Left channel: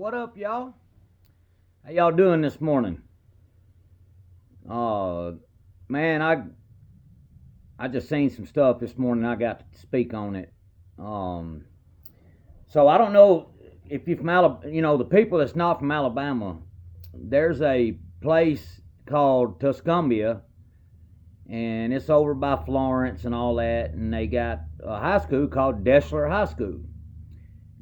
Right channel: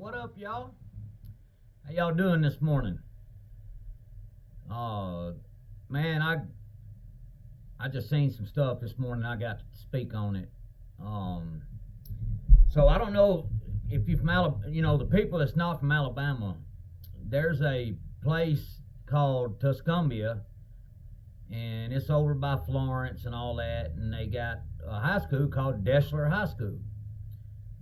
What up, y'all? How y'all doing this morning? Man, I just seen some stuff this morning. I got to speak on it. Um, so I don't know if you're from Alabama. The people that's not from Alabama. There's a place called Tuscumbia, and it's over by Florence and all that. And they got a high school called Deshler High School.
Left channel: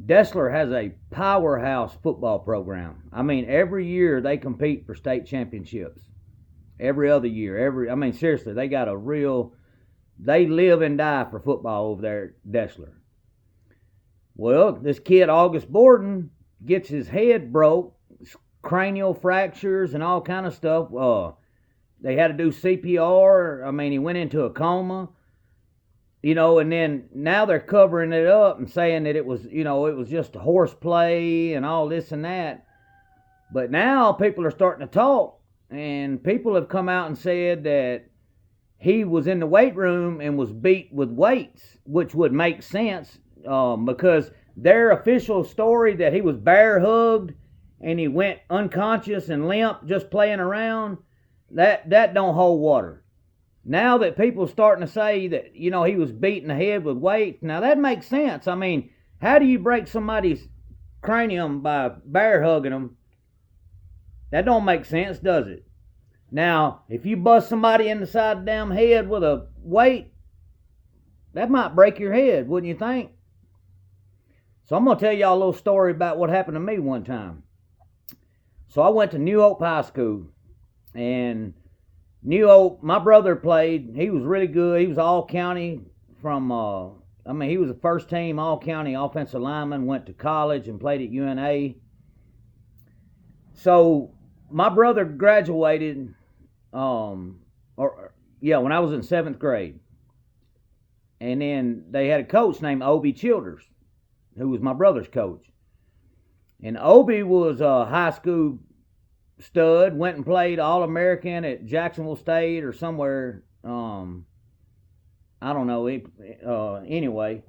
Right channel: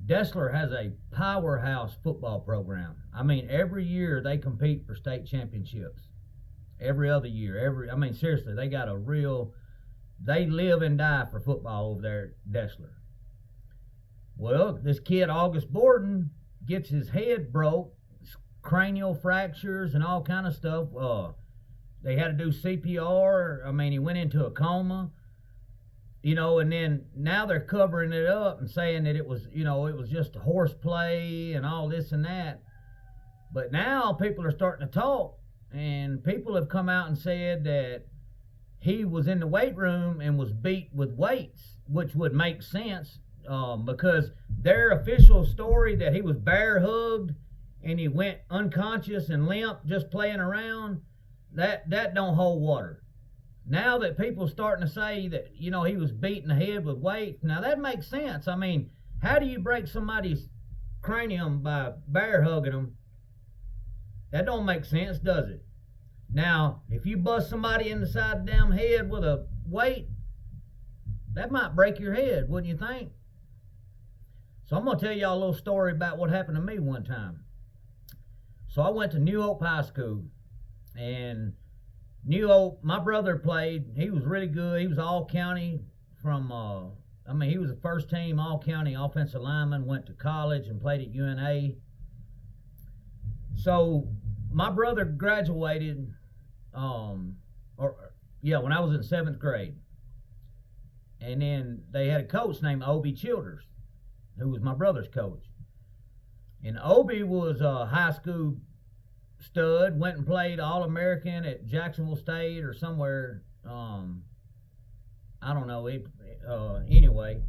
Dessler has a powerhouse football program. I mean, every year they compete for state championships. Every other year, seriously, they live and die for football over there at Dessler. Well, this kid, August Borden, gets his head broke, cranial fractures and all kind of stuff. They had to do CPR. He went into a coma. And then now they're covering it up and saying that it was just horseplay and all this and that. But now people are starting to talk, and people have come out and said that he was in the weight room and was beat with weights, which would make sense because their official story that he was bear hugged and he went unconscious and limp just playing around, that don't hold water. Now that people are starting to say that, he was beating the head with weights, now that makes sense. How do you break somebody's cranium by bear hugging them? That don't make sense, does it? Now, if you bust somebody in the side of the damn head with a weight, that might break your head, wouldn't you think? So I'm going to tell y'all a little story about what happened to me one time. So I went to New Hope High School, and New Hope, my brother played. He was really good. He was all county from, he was a first team all county offensive lineman, went to college and played at UNA. So my brother graduated, when I was in 7th grade. And then they had a coach named Obie Childers, who was my brother's coach. And Obie was a high school stud, went and played All-American at Jacksonville State or somewhere. I don't know. Anyway,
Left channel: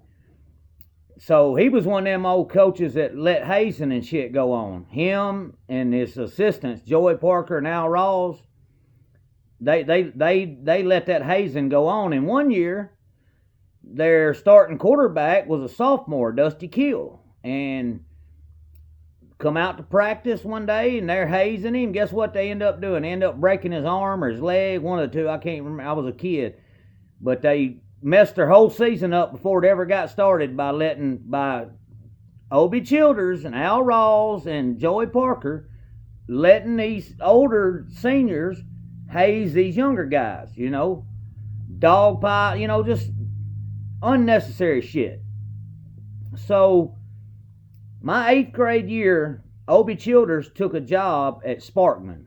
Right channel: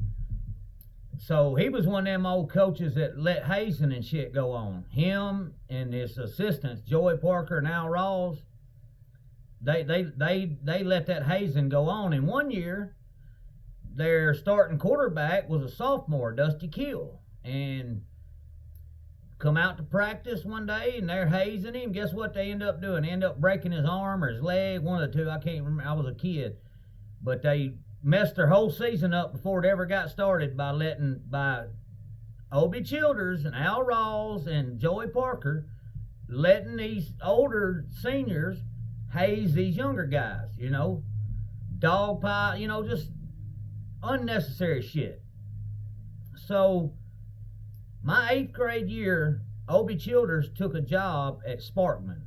so he was one of them old coaches that let hazing and shit go on. Him and his assistants, Joey Parker and Al Rawls, they let that hazing go on. And one year, their starting quarterback was a sophomore, Dusty Kill, and come out to practice one day and they're hazing him. Guess what they end up doing? They end up breaking his arm or his leg, one of the two. I can't remember. I was a kid. But they messed their whole season up before it ever got started by Obie Childers and Al Rawls and Joey Parker letting these older seniors haze these younger guys, dog pie, just unnecessary shit. So my 8th grade year, Obie Childers took a job at Sparkman,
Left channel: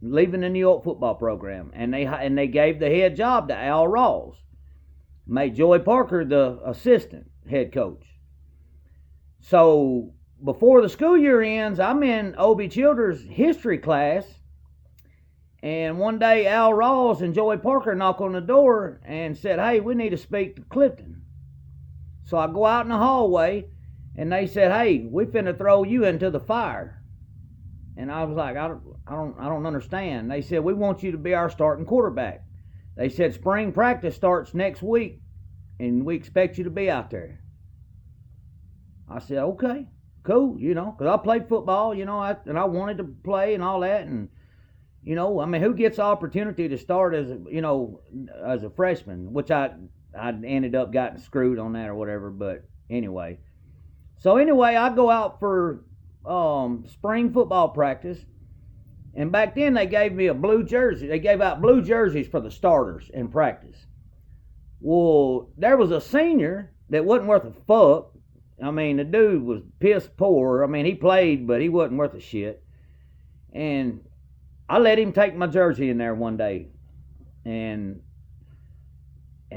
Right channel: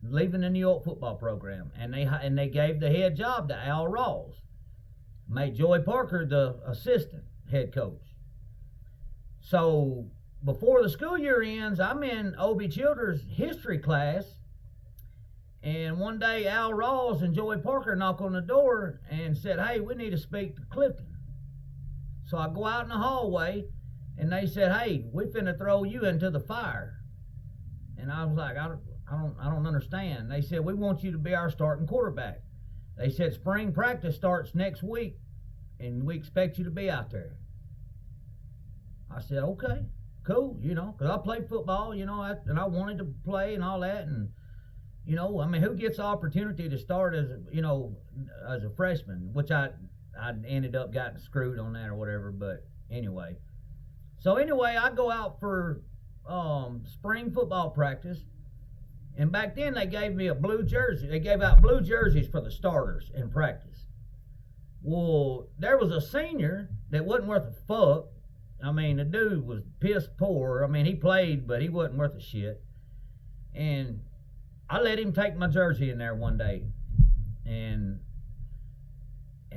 leaving the New York football program, and they gave the head job to Al Rawls, made Joey Parker the assistant head coach. So before the school year ends, I'm in Obie Childers' history class, and one day Al Rawls and Joey Parker knock on the door and said, "Hey, we need to speak to Clifton." So I go out in the hallway, and they said, "Hey, we finna throw you into the fire." And I was like, I don't understand. They said, "We want you to be our starting quarterback." They said, "Spring practice starts next week, and we expect you to be out there." I said, "Okay, cool," because I played football, and I wanted to play and all that. And, who gets the opportunity to start as a freshman, which I ended up getting screwed on that or whatever. But anyway. So anyway, I go out for spring football practice, and back then they gave me a blue jersey. They gave out blue jerseys for the starters in practice. Well, there was a senior that wasn't worth a fuck. The dude was piss poor. He played, but he wasn't worth a shit. And I let him take my jersey in there one day, and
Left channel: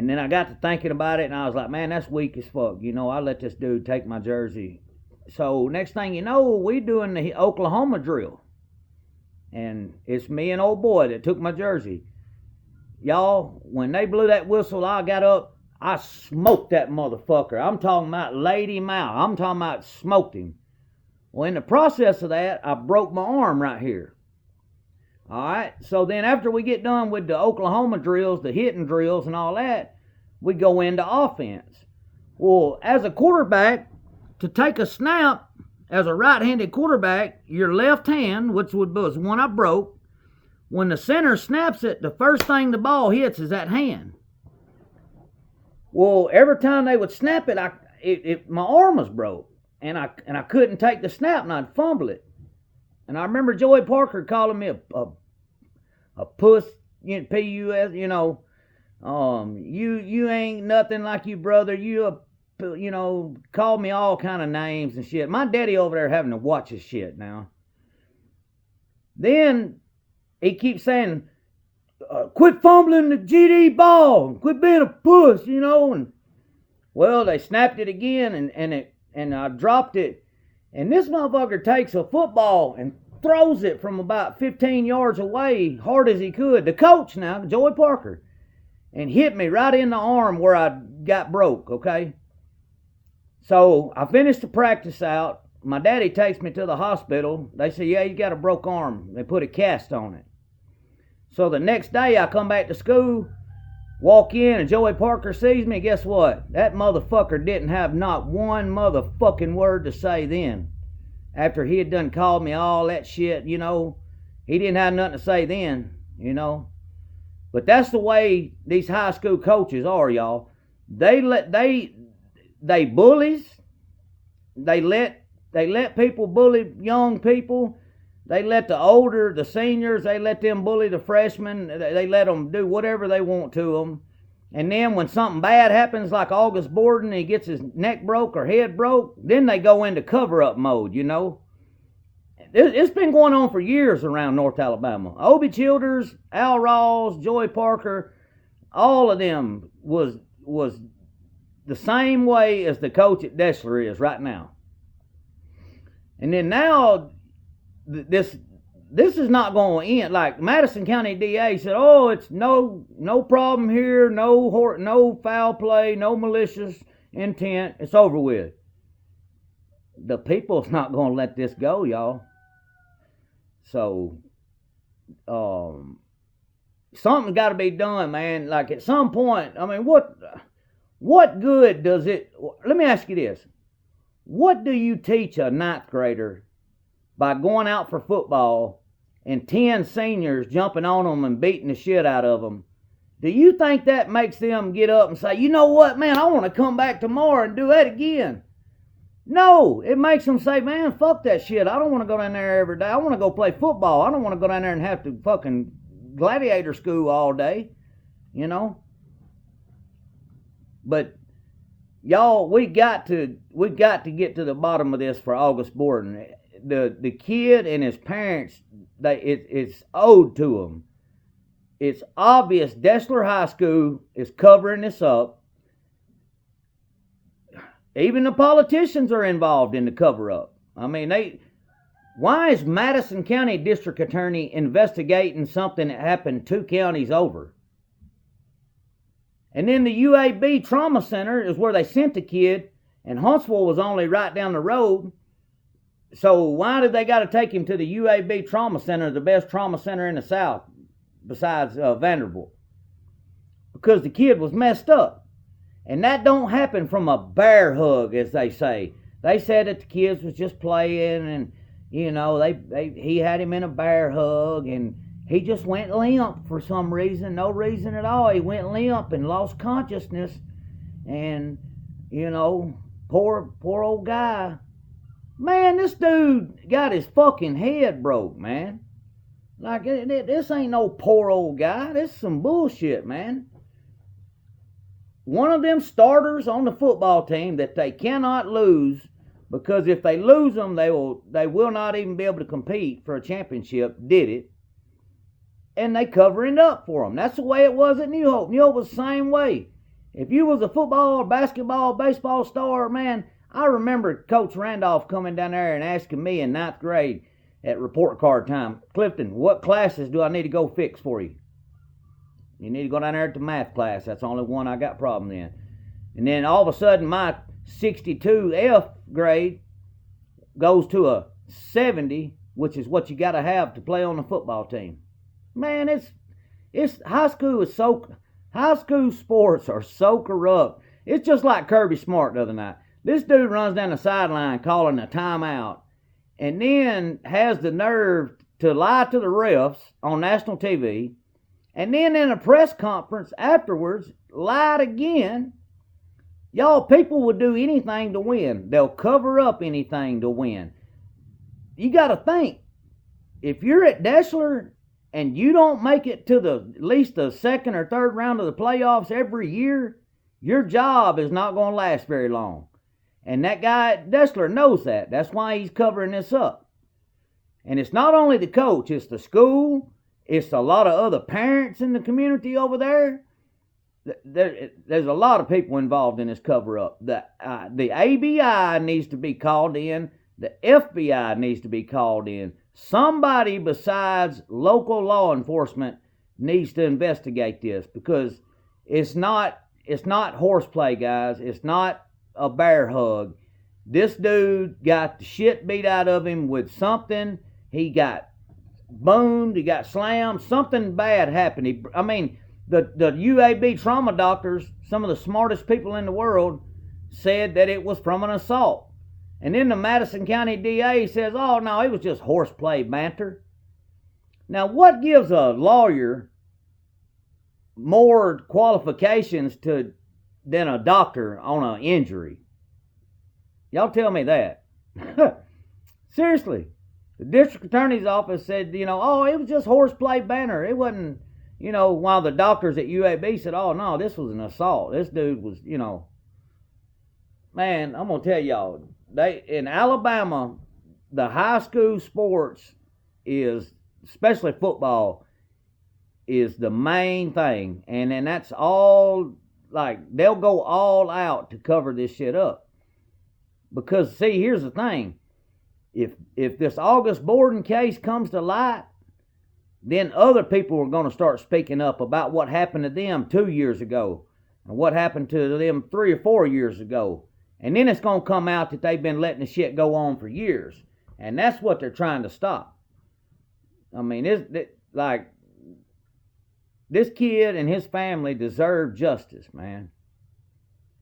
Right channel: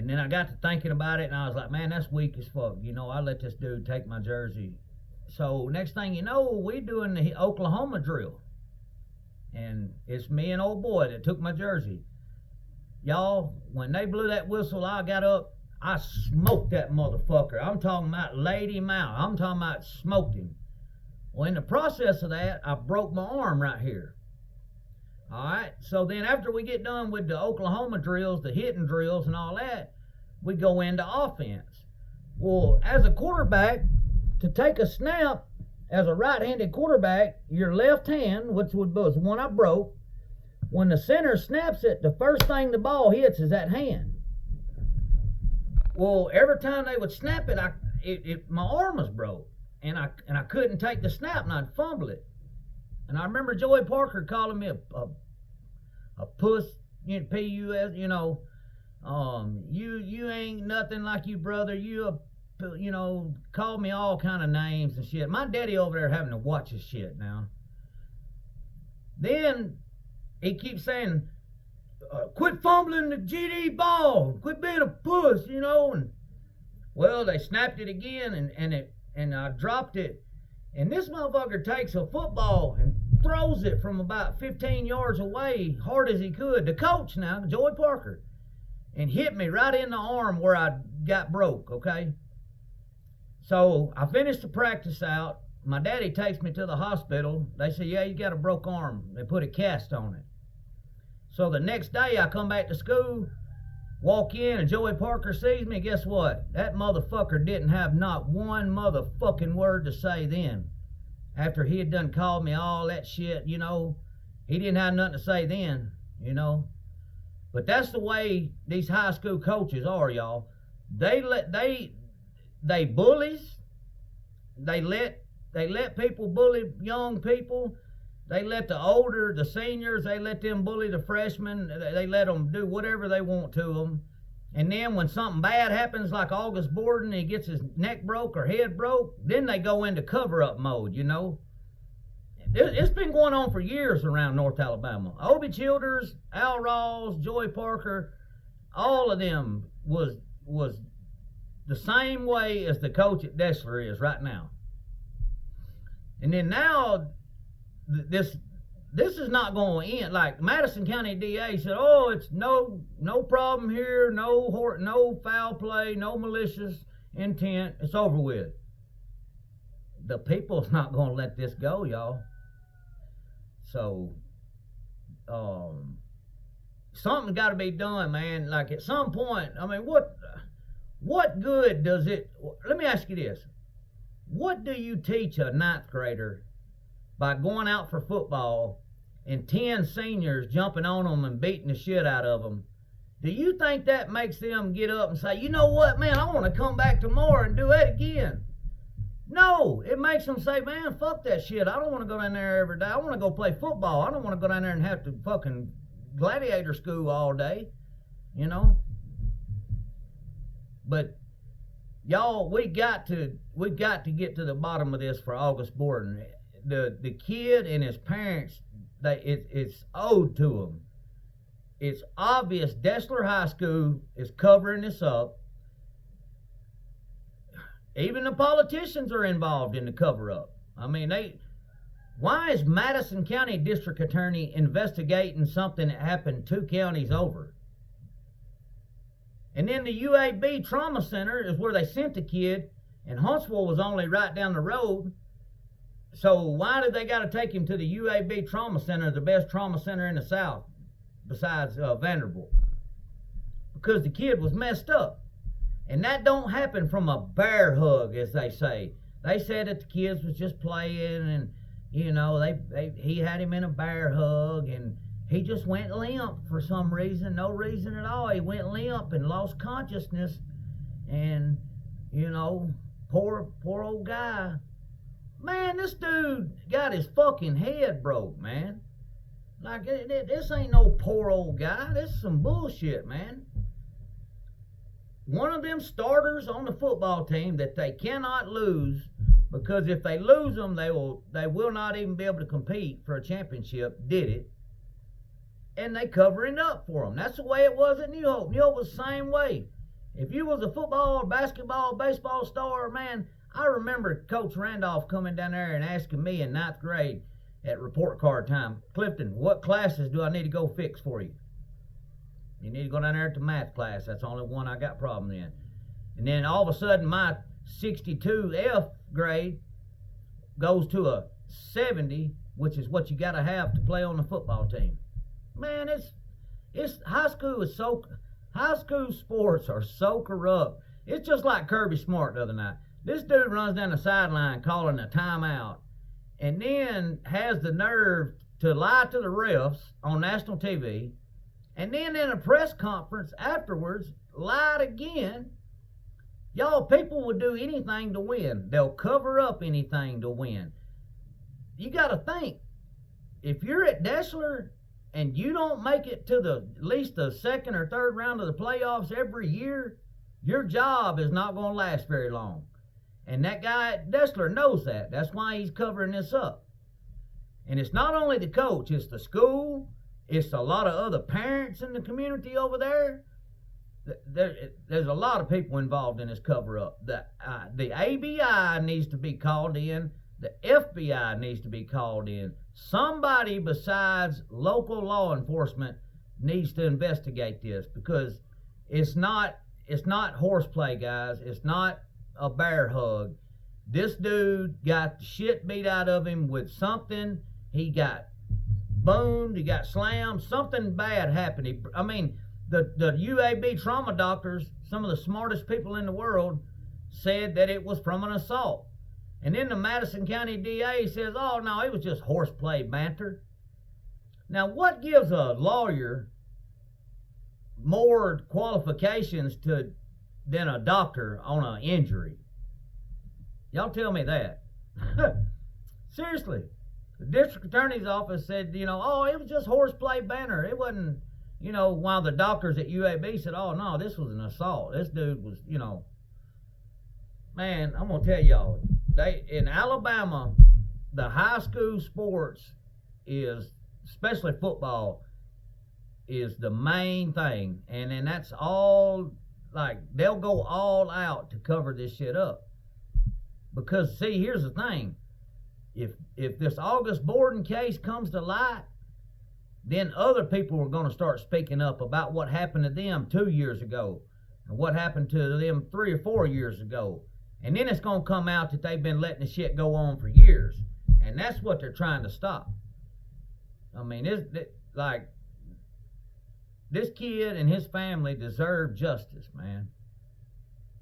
then I got to thinking about it, and I was like, man, that's weak as fuck. I let this dude take my jersey. So next thing you know, we doing the Oklahoma drill. And it's me and old boy that took my jersey. Y'all, when they blew that whistle, I got up, I smoked that motherfucker. I'm talking about laid him out. I'm talking about smoked him. Well, in the process of that, I broke my arm right here. All right. So then after we get done with the Oklahoma drills, the hitting drills and all that, we go into offense. Well, as a quarterback, to take a snap, as a right-handed quarterback, your left hand, which was the one I broke, when the center snaps it, the first thing the ball hits is that hand. Well, every time they would snap it, my arm was broke, and I couldn't take the snap, and I'd fumble it. And I remember Joey Parker calling me a puss, P-U-S, you ain't nothing like you, brother. Called me all kind of names and shit. My daddy over there having to watch his shit now. Then he keeps saying, quit fumbling the GD ball, quit being a puss, and well, they snapped it again, and I dropped it, and this motherfucker takes a football and throws it from about 15 yards away, hard as he could. The coach now, Joey Parker, and hit me right in the arm where I got broke, okay? So I finished the practice out. My daddy takes me to the hospital. They say, yeah, you got a broke arm. They put a cast on it. So the next day I come back to school, walk in, and Joey Parker sees me. Guess what? That motherfucker didn't have not one motherfucking word to say then. After he had done called me all that shit, he didn't have nothing to say then, But that's the way these high school coaches are, y'all. They bullies. They let people bully young people. They let the seniors, they let them bully the freshmen. They let them do whatever they want to them. And then when something bad happens, like August Borden, he gets his neck broke or head broke, then they go into cover-up mode, It's been going on for years around North Alabama. Obie Childers, Al Rawls, Joey Parker, all of them was the same way as the coach at Dessler is right now. And then now, this is not going to end. Like Madison County DA said, oh, it's no problem here, no foul play, no malicious intent. It's over with. The people's not going to let this go, y'all. So, something's got to be done, man. Like at some point, I mean, what good does it? Let me ask you this: what do you teach a ninth grader by going out for football and 10 seniors jumping on them and beating the shit out of them? Do you think that makes them get up and say, you know what, man, I want to come back tomorrow and do that again? No, it makes them say, man, fuck that shit. I don't want to go down there every day. I want to go play football. I don't want to go down there and have to fucking gladiator school all day, But y'all, we got to get to the bottom of this for August Borden. The kid and his parents, it's owed to them. It's obvious Dessler High School is covering this up. Even the politicians are involved in the cover-up. I mean, why is Madison County District Attorney investigating something that happened 2 counties over? And then the UAB Trauma Center is where they sent the kid, and Huntsville was only right down the road. So why did they got to take him to the UAB Trauma Center, the best trauma center in the South, besides Vanderbilt? Because the kid was messed up. And that don't happen from a bear hug, as they say. They said that the kids was just playing, and he had him in a bear hug, and he just went limp for some reason, no reason at all. He went limp and lost consciousness, and poor old guy. Man, this dude got his fucking head broke, man. Like this ain't no poor old guy. This is some bullshit, man. One of them starters on the football team that they cannot lose, because if they lose them, they will not even be able to compete for a championship, did it. And they covering up for them. That's the way it was at New Hope. New Hope was the same way. If you was a football or basketball, baseball star, man, I remember Coach Randolph coming down there and asking me in 9th grade at report card time, Clifton, what classes do I need to go fix for you? You need to go down there to math class. That's the only one I got problem in. And then all of a sudden, my 62 F grade, goes to a 70, which is what you got to have to play on the football team. Man, it's high school sports are so corrupt. It's just like Kirby Smart the other night. This dude runs down the sideline calling a timeout, and then has the nerve to lie to the refs on national TV, and then in a press conference afterwards lied again. Y'all, people will do anything to win. They'll cover up anything to win. You got to think, if you're at Deshler and you don't make it to at least the second or third round of the playoffs every year, your job is not going to last very long. And that guy at Deshler knows that. That's why he's covering this up. And it's not only the coach, it's the school, it's a lot of other parents in the community over there. There's a lot of people involved in this cover-up. The ABI needs to be called in. The FBI needs to be called in. Somebody besides local law enforcement needs to investigate this, because it's not horseplay, guys. It's not a bear hug. This dude got the shit beat out of him with something. He got boomed. He got slammed. Something bad happened. The UAB trauma doctors, some of the smartest people in the world, said that it was from an assault. And then the Madison County DA says, oh, no, it was just horseplay banter. Now, what gives a lawyer more qualifications than a doctor on an injury? Y'all tell me that. Seriously. The district attorney's office said, oh, it was just horseplay banter. It wasn't, while the doctors at UAB said, oh, no, this was an assault. This dude was, Man, I'm going to tell y'all, in Alabama, the high school sports is, especially football, is the main thing. And then that's all, they'll go all out to cover this shit up. Because, see, here's the thing. If this August Borden case comes to light, then other people are going to start speaking up about what happened to them 2 years ago and what happened to them 3 or 4 years ago. And then it's going to come out that they've been letting the shit go on for years. And that's what they're trying to stop. This kid and his family deserve justice, man.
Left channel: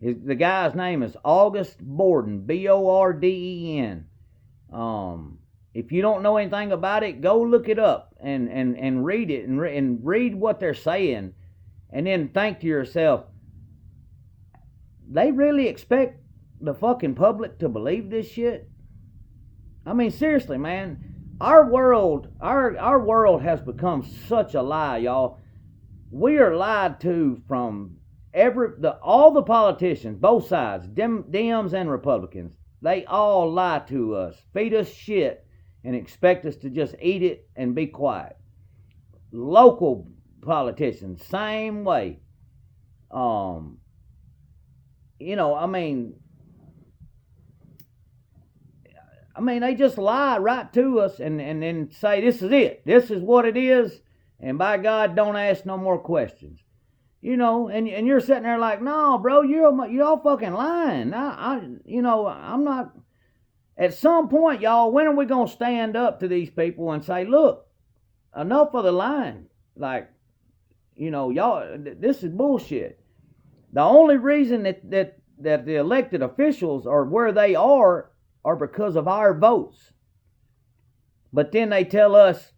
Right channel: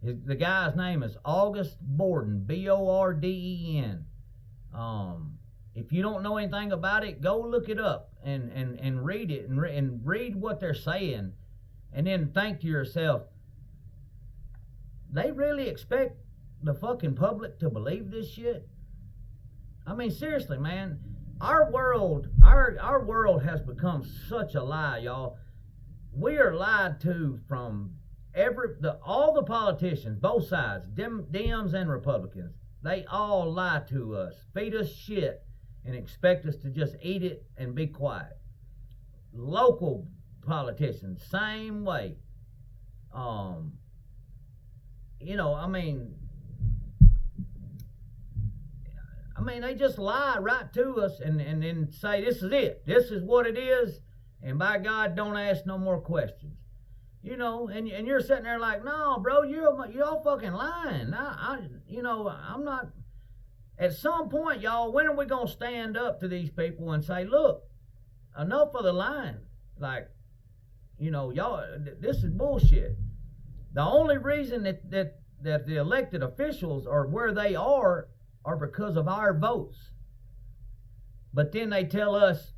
The guy's name is August Borden, Borden. If you don't know anything about it, go look it up and read it and read what they're saying, and then think to yourself, they really expect the fucking public to believe this shit? Seriously, man. Our world has become such a lie, y'all. We are lied to from all the politicians, both sides, Dems and Republicans. They all lie to us, feed us shit, and expect us to just eat it and be quiet. Local politicians, same way. They just lie right to us and then say, this is it. This is what it is. And by God, don't ask no more questions. And you're sitting there like, no, bro, you're all fucking lying. I'm not. At some point, y'all, when are we going to stand up to these people and say, look, enough of the lying? Y'all, this is bullshit. The only reason that the elected officials are where they are because of our votes. But then they tell us,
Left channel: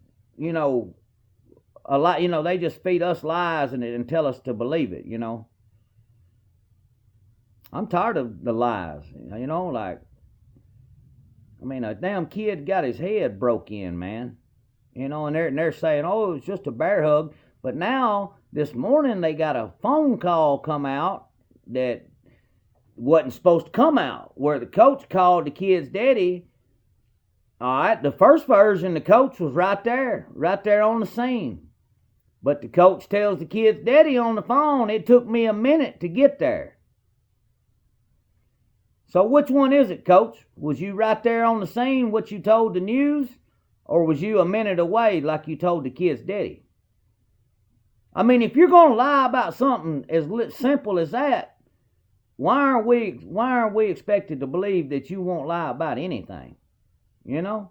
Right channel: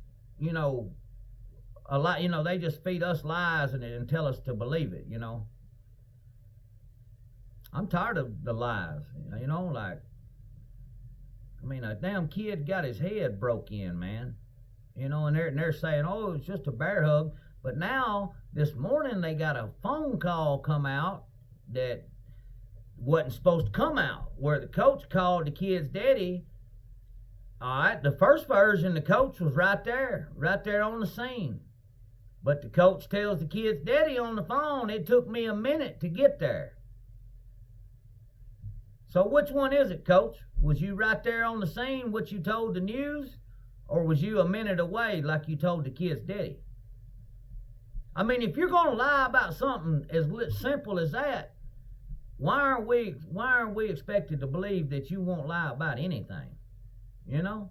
a lot, they just feed us lies and tell us to believe it, I'm tired of the lies, a damn kid got his head broke in, man. And they're saying, oh, it's just a bear hug. But now, this morning, they got a phone call come out that wasn't supposed to come out, where the coach called the kid's daddy. All right, the first version, the coach was right there on the scene. But the coach tells the kid's daddy on the phone, it took me a minute to get there. So which one is it, Coach? Was you right there on the scene, what you told the news? Or was you a minute away like you told the kid's daddy? If you're going to lie about something as simple as that, why aren't we expected to believe that you won't lie about anything? You know,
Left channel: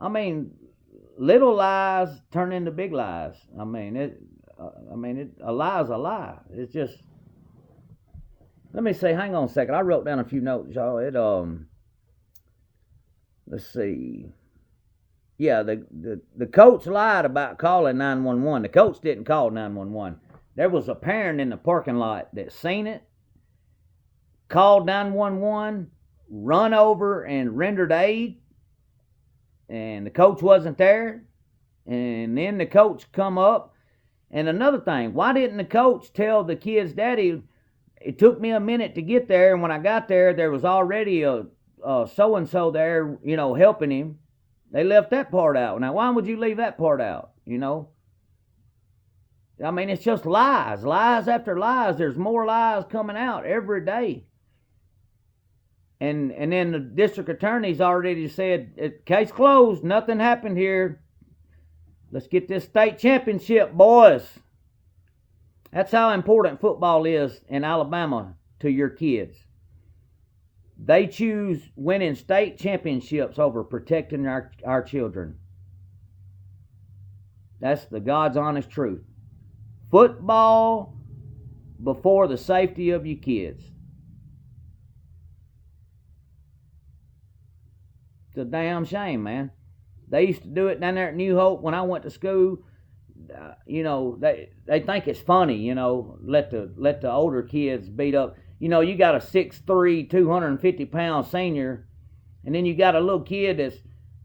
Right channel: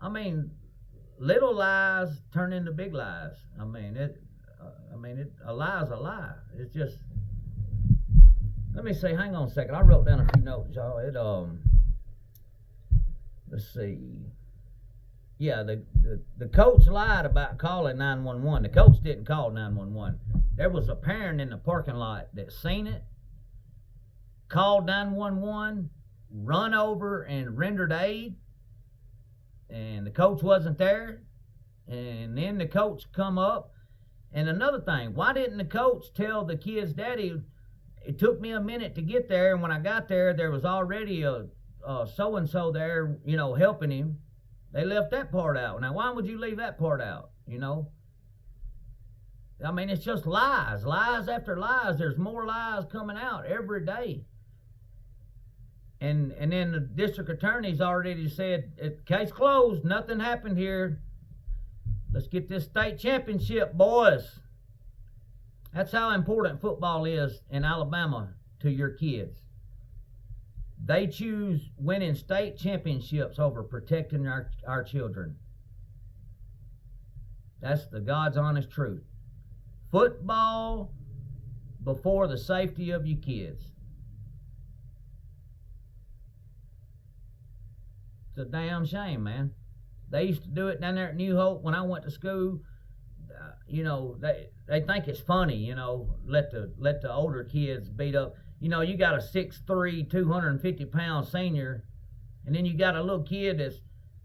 I mean, little lies turn into big lies. I mean, a lie's a lie. It's just. Let me see. Hang on a second. I wrote down a few notes, y'all. Let's see. Yeah, the coach lied about calling 911. The coach didn't call 911. There was a parent in the parking lot that seen it, called 911, run over and rendered aid, and the coach wasn't there. And then the coach come up. And another thing, why didn't the coach tell the kid's daddy, it took me a minute to get there, and when I got there, there was already a so-and-so there, helping him. They left that part out. Now, why would you leave that part out, I mean, it's just lies. Lies after lies. There's more lies coming out every day. And then the district attorney's already said, case closed, nothing happened here. Let's get this state championship, boys. That's how important football is in Alabama to your kids. They choose winning state championships over protecting our children. That's the God's honest truth. Football before the safety of your kids. It's a damn shame, man. They used to do it down there at New Hope when I went to school. They think it's funny, let the older kids beat up. You got a 6'3", 250-pound senior, and then you got a little kid that's,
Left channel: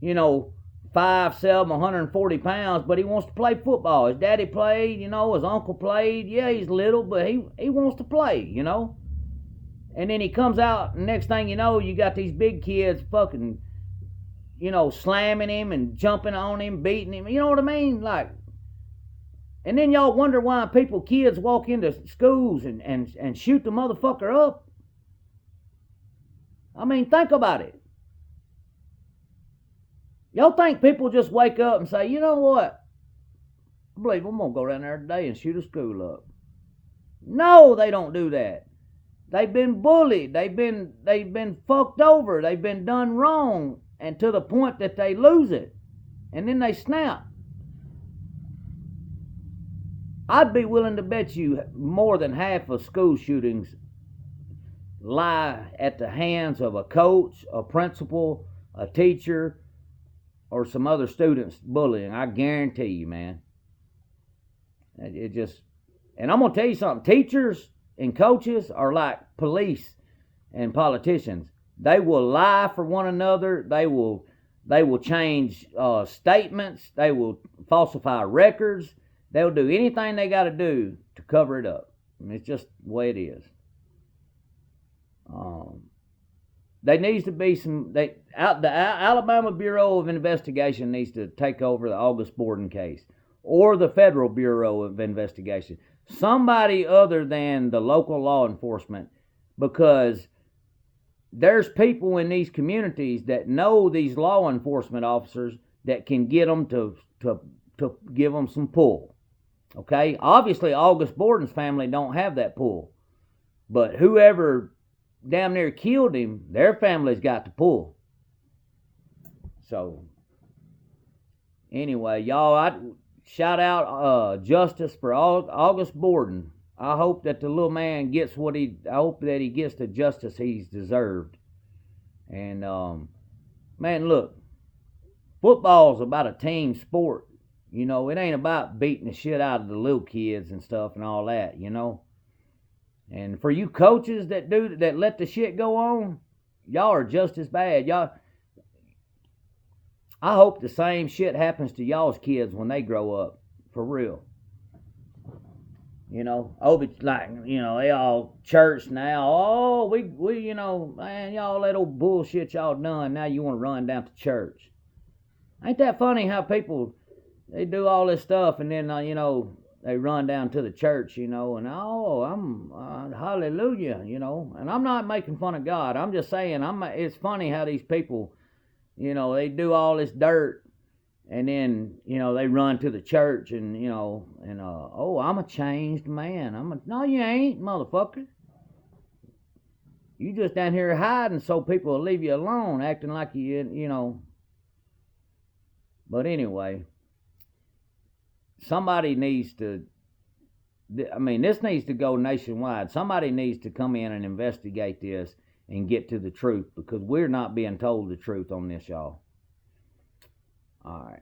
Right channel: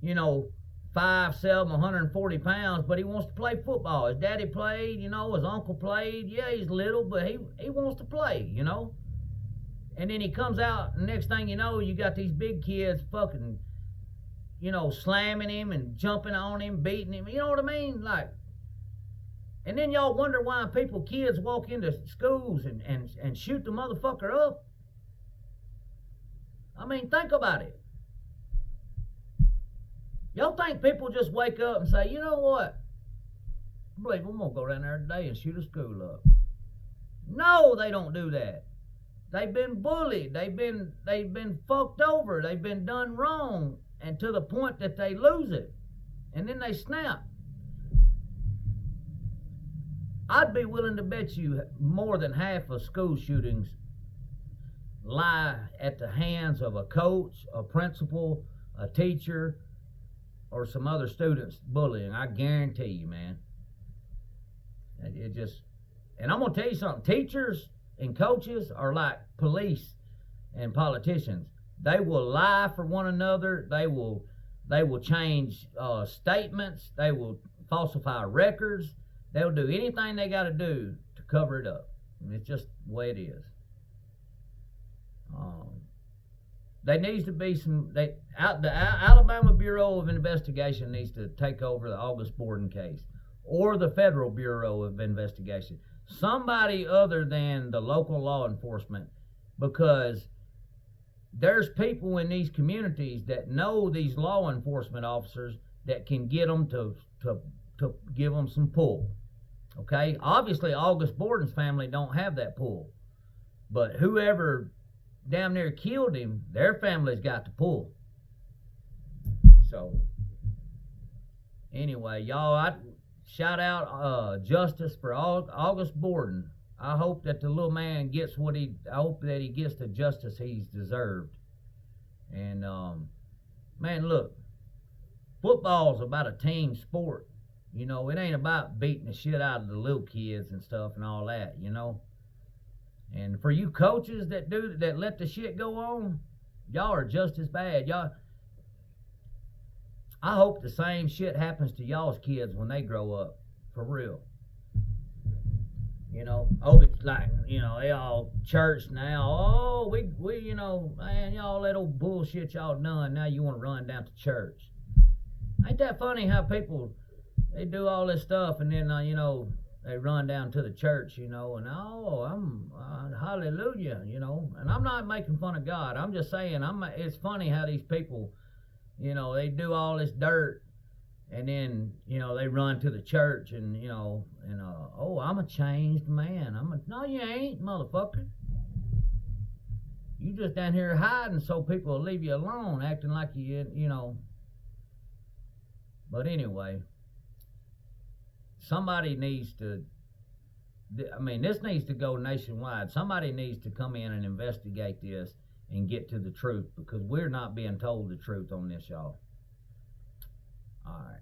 5'7", 140 pounds, but he wants to play football. His daddy played, his uncle played. Yeah, he's little, but he wants to play, And then he comes out, and next thing you know, you got these big kids fucking, slamming him and jumping on him, beating him. You know what I mean? Like, and then y'all wonder why kids walk into schools and shoot the motherfucker up. I mean, think about it. Y'all think people just wake up and say, you know what? I believe I'm going to go down there today and shoot a school up. No, they don't do that. They've been bullied. They've been fucked over. They've been done wrong, and to the point that they lose it. And then they snap. I'd be willing to bet you more than half of school shootings lie at the hands of a coach, a principal, a teacher, or some other students bullying. I guarantee you, man. And I'm going to tell you something. Teachers and coaches are like police and politicians. They will lie for one another. They will change statements. They will falsify records. They'll do anything they got to do to cover it up. I mean, it's just the way it is. There needs to be the Alabama Bureau of Investigation needs to take over the August Borden case, or the Federal Bureau of Investigation. Somebody other than the local law enforcement, because there's people in these communities that know these law enforcement officers that can get them to give them some pull. Okay, obviously August Borden's family don't have that pull, but whoever damn near killed him, their family's got the pull. So anyway, y'all, I shout out justice for August Borden. I hope that the little man gets I hope that he gets the justice he's deserved. And man, look, football's about a team sport. It ain't about beating the shit out of the little kids and stuff and all that, And for you coaches that let the shit go on, y'all are just as bad. Y'all, I hope the same shit happens to y'all's kids when they grow up, for real. It's like, they all church now. Oh, we man, y'all that old bullshit y'all done. Now you want to run down to church. Ain't that funny how people, they do all this stuff and then, they run down to the church, and I'm hallelujah, and I'm not making fun of God. I'm just saying, it's funny how these people, they do all this dirt, and then, they run to the church and, oh, I'm a changed man. No, you ain't, motherfucker. You just down here hiding so people will leave you alone, acting like you But anyway, somebody needs to. I mean, this needs to go nationwide. Somebody needs to come in and investigate this and get to the truth, because we're not being told the truth on this, y'all. All right.